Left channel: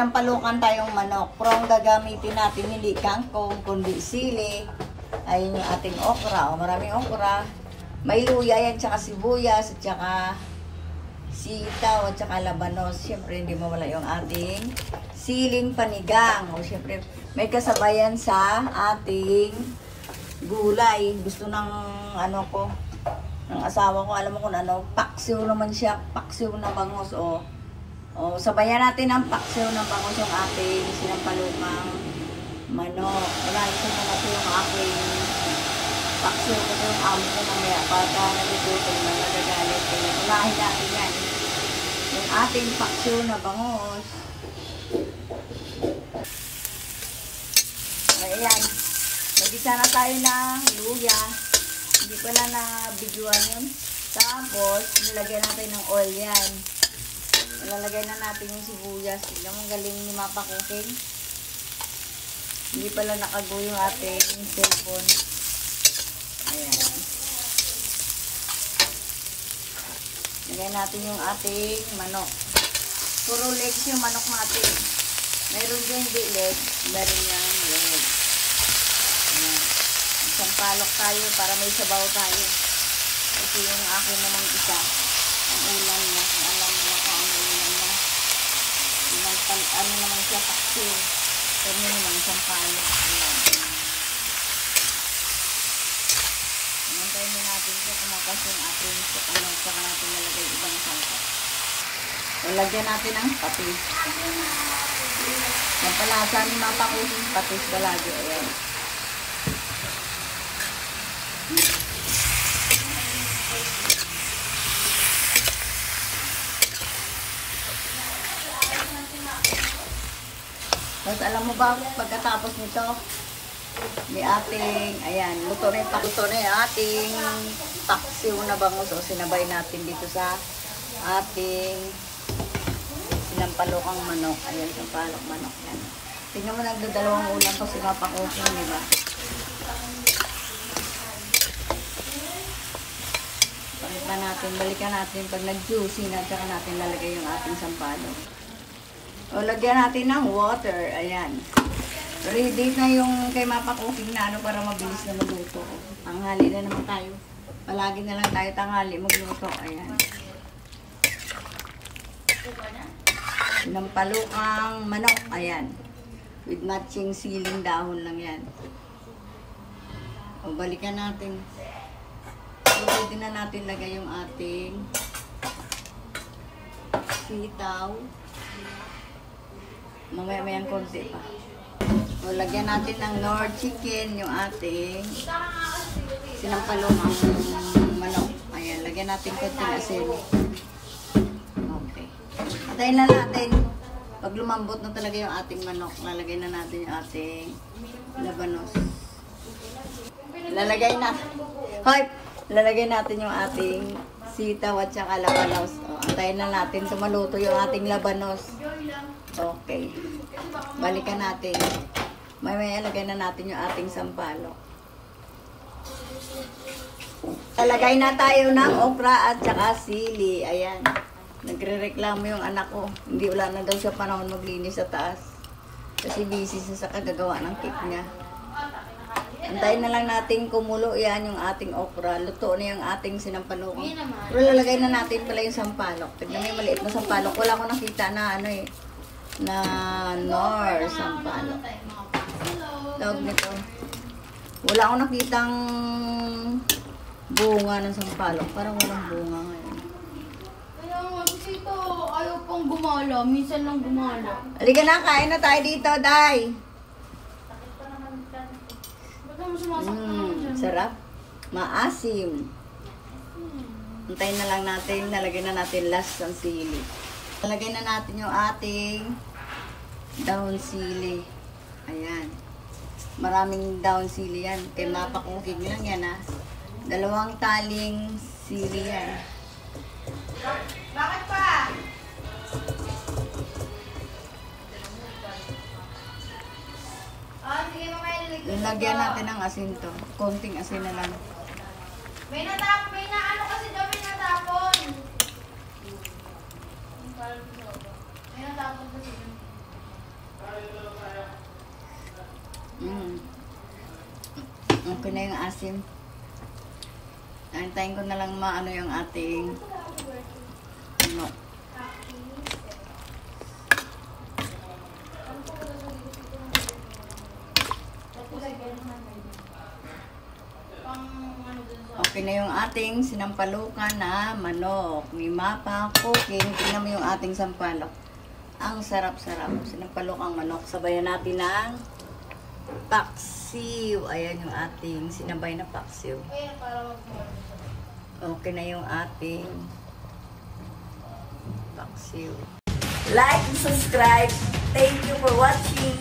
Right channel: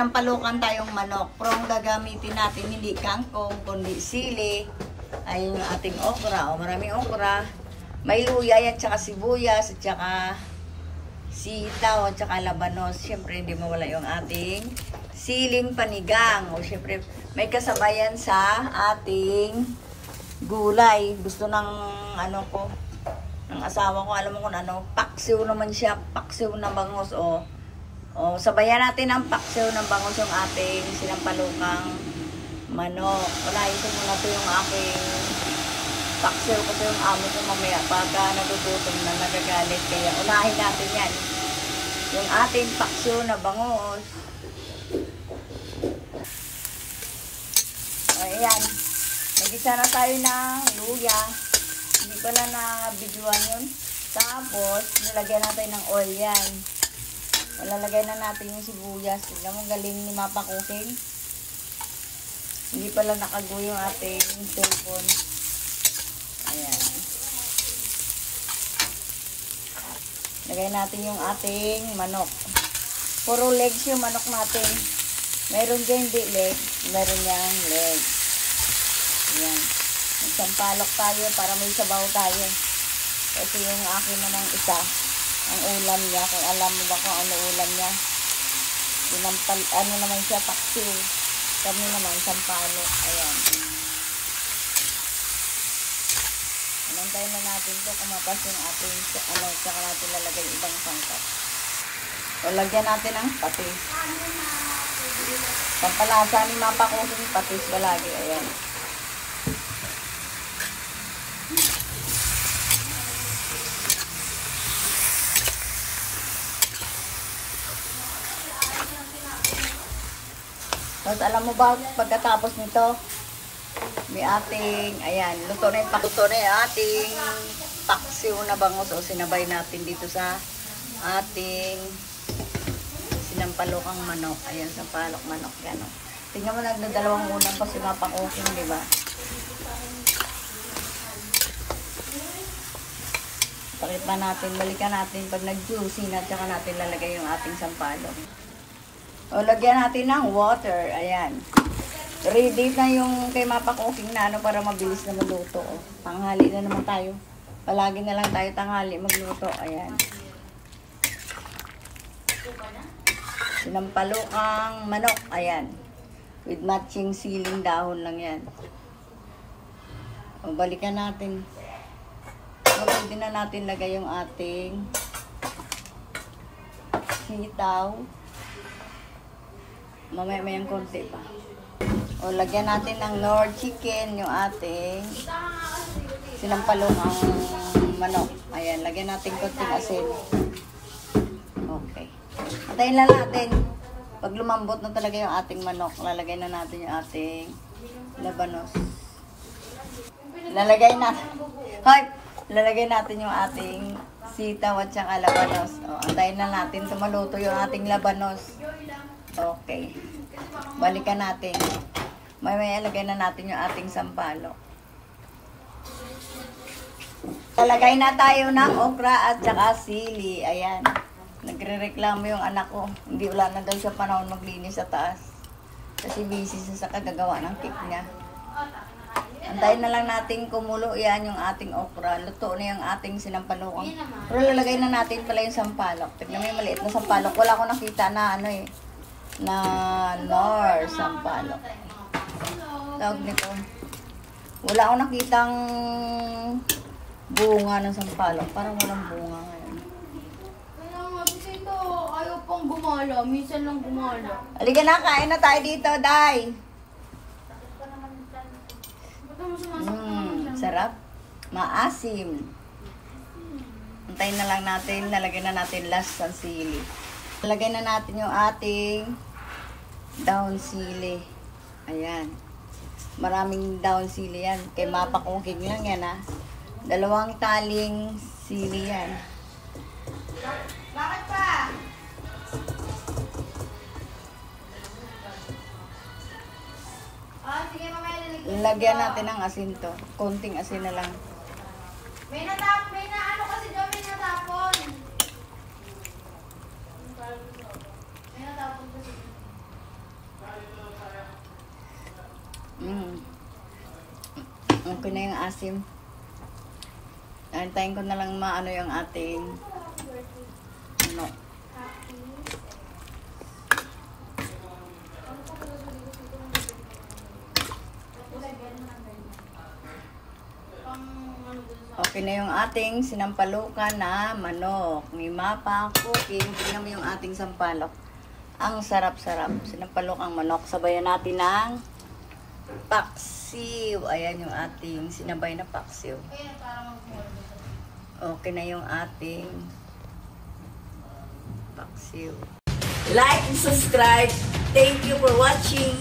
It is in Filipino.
Sinampalukan tayong manok. Pero ang gagamitin natin hindi kangkong, kundi sili. Ayun yung ating okra. O, maraming okra. May luya yan, tsaka sibuyas, at tsaka sitaw, at tsaka labanos. Siyempre, hindi mawala yung ating siling panigang. O, siyempre, may kasabayan sa ating gulay. Gusto ng ano ko, ng asawa ko, alam mo kung ano, paksiw naman siya, paksiw na bangus. O, sabayan natin ang paksiw ng bangus yung ating sinampalukang manok. Unahin ko muna ito yung aking paksiw kasi yung amo ko mamaya pagka nagugutom na nagagalit. Kaya unahin natin yan. Yung ating paksiw na bangus. Ayan. Nagisa na tayo ng luya. Hindi pala na-videoan yun. Tapos, nilagyan natin ng oil yan. Lalagay na natin yung sibuyas. Tignan mo, galing ni Mapa Cooking. Hindi pala nakago yung ating cellphone. Ayan. Lagay natin yung ating manok. Puro legs yung manok natin. Meron dyan hindi legs. Meron yung legs. Ayan. Sampalok tayo para may sabaw tayo. Kasi yung akin namang isa, ang ulam niya, kung alam mo ba kung ano ulam niya. Ano naman siya, paksiw. Kami naman, sampalok. Ayan. Antayin na natin ito kumapas yung ating tsaka natin lalagay ibang sangkap. O, lagyan natin ang patis. Pampalasa ni Mapa Cooking patis palagi. Ayan. Tapos alam mo ba, pagkatapos nito, may ating, ayan, luto na yung ating paksiw na bangus. O, sinabay natin dito sa ating sinampalukang manok. Ayan, sampalok manok yan. Tingnan mo, nagdadalawang ulam pa si Mapa Cooking, di ba? Pakita natin, balikan natin pag nag-juicy na, tsaka natin lalagay yung ating sampalok. O, lagyan natin ng water. Ayan. Ready na yung kay Mapa Cooking na ano para mabilis na magluto. O, tanghali na naman tayo. Palagi na lang tayo tanghali magluto. Ayan. Sinampalukang manok. Ayan. With matching siling dahon lang yan. O, balikan natin. O, pwede na natin lagay yung ating sitaw. Mamaya-mayang konti pa. O, lagyan natin ng Knorr chicken, yung ating sinampalukang manok. Ayan, lagyan natin konting asin. Okay. Antayin na natin. Pag lumambot na talaga yung ating manok, lalagay na natin yung ating labanos. Lalagay natin yung ating sitaw at saka labanos. O, antayin na natin sumaluto yung ating labanos. Okay. Balikan natin. May lagay na natin yung ating sampalok. Lalagay na tayo ng okra at saka sili. Ayan. Nagre-reklamo yung anak ko. Hindi, wala na daw siya panahon maglinis sa taas. Kasi busy siya sa kagagawa ng cake niya. Antayin na lang natin kumulo. Yan yung ating okra. Luto na yung ating sinampalokang. Pero lalagay na natin pala yung sampalok. Tignan mo yung maliit na sampalok. Wala ko nakita na ano eh. Na Knorr sampalok. Tawag nito. Wala akong nakitang bunga ng sampalok. Parang walang bunga ngayon. Kaya nga, ito ayaw pang gumala. Minsan lang gumala. Halika na, kain na tayo dito, Day. Sarap. Maasim. Antayin na lang natin. Nalagyan na natin last ang sili. Nalagay na natin yung ating down sili. Ayan. Maraming down sili yan. Kay Mapa Cooking lang yan, ha. 2 taling sili yan. Bakit pa? Lagyan natin ng asin to. Konting asin na lang. May natapon kasi dyan, may natapon. May natapon kasi dyan. Okay na yung asim. Antayin ko na lang maano yung ating ano. Okay na yung ating sinampalukan na manok. Ni Mapa Cooking. Tingnan mo yung ating sampalok. Ang sarap-sarap. Sinampalukang manok. Sabayan natin ng paksiw. Ayan yung ating sinabay na paksiw. Okay na yung ating paksiw. Like and subscribe. Thank you for watching.